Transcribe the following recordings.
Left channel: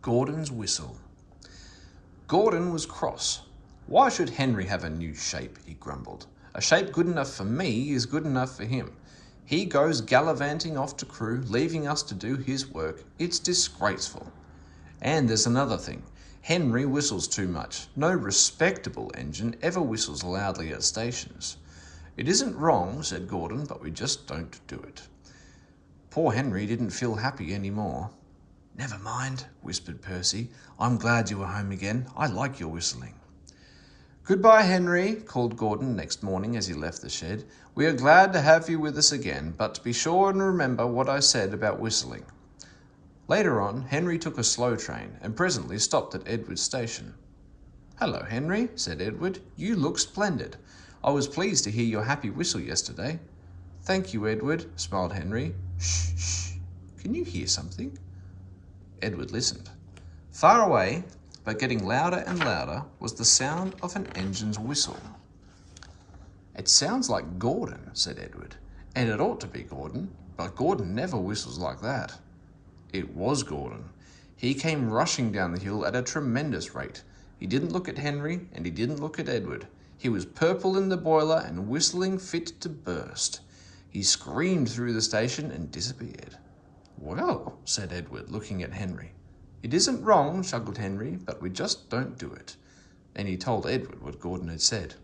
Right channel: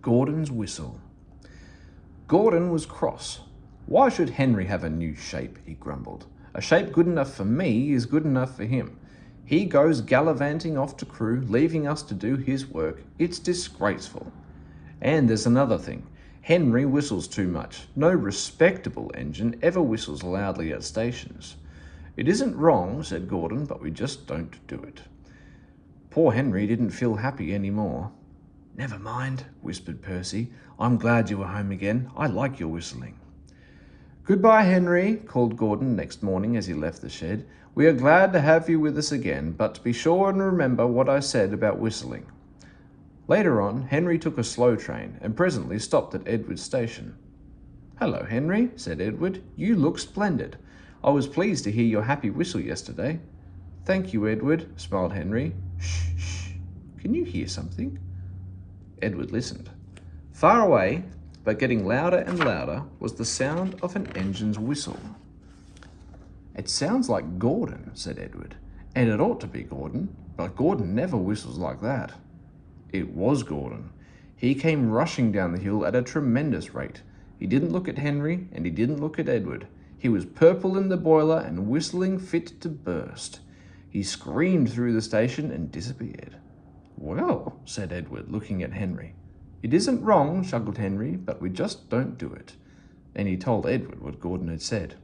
Gordon's whistle. Gordon was cross. Why should Henry have a new shape, he grumbled. A shape good enough for me is good enough for him. He goes gallivanting off to Crewe, leaving us to do his work. It's disgraceful. And there's another thing. Henry whistles too much. No respectable engine ever whistles loudly at stations. It isn't wrong, said Gordon, but we just don't do it. Poor Henry didn't feel happy anymore. Never mind, whispered Percy. I'm glad you were home again. I like your whistling. Goodbye, Henry, called Gordon next morning as he left the shed. We are glad to have you with us again, but be sure and remember what I said about whistling. Later on, Henry took a slow train and presently stopped at Edward's station. Hello, Henry, said Edward. You look splendid. I was pleased to hear your happy whistle yesterday. Thank you, Edward, smiled Henry. Shh, shh. Can you hear something? Edward listened. Far away, but getting louder and louder, was the sound of an engine's whistle. It sounds like Gordon, said Edward, and it ought to be Gordon, but Gordon never whistles like that. It was Gordon. He came rushing down the hill at a tremendous rate. He didn't look at Henry, and he didn't look at Edward. He was purple in the boiler and whistling fit to burst. He screamed through the station and disappeared. Well, said Edward, looking at Henry. It isn't wrong, chuckled Henry, but we just don't do it. And he told Edward what Gordon had said.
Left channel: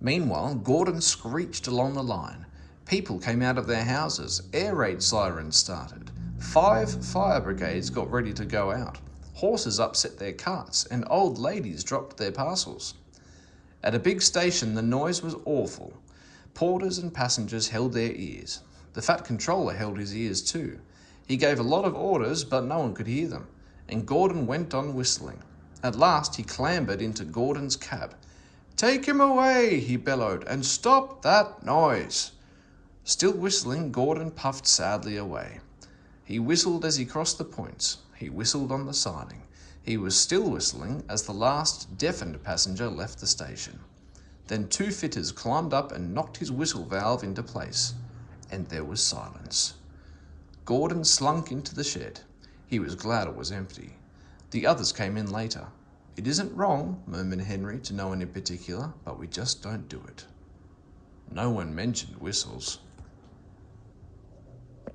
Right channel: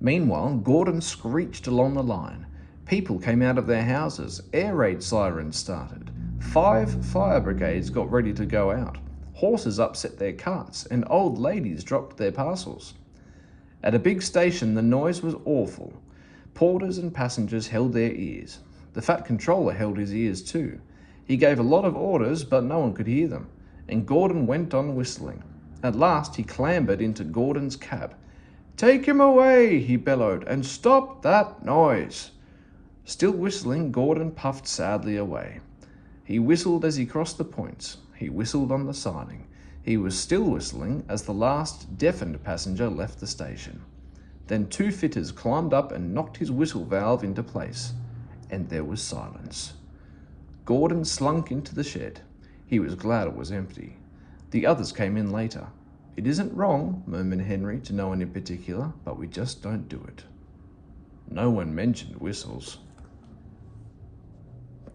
Meanwhile, Gordon screeched along the line. People came out of their houses. Air raid sirens started. 5 fire brigades got ready to go out. Horses upset their carts, and old ladies dropped their parcels. At a big station, the noise was awful. Porters and passengers held their ears. The fat controller held his ears too. He gave a lot of orders, but no one could hear them, and Gordon went on whistling. At last, he clambered into Gordon's cab. Take him away, he bellowed, and stop that noise. Still whistling, Gordon puffed sadly away. He whistled as he crossed the points. He whistled on the siding. He was still whistling as the last deafened passenger left the station. Then 2 fitters climbed up and knocked his whistle valve into place, and there was silence. Gordon slunk into the shed. He was glad it was empty. The others came in later. It isn't wrong, murmured Henry, to no one in particular, but we just don't do it. No one mentioned whistles.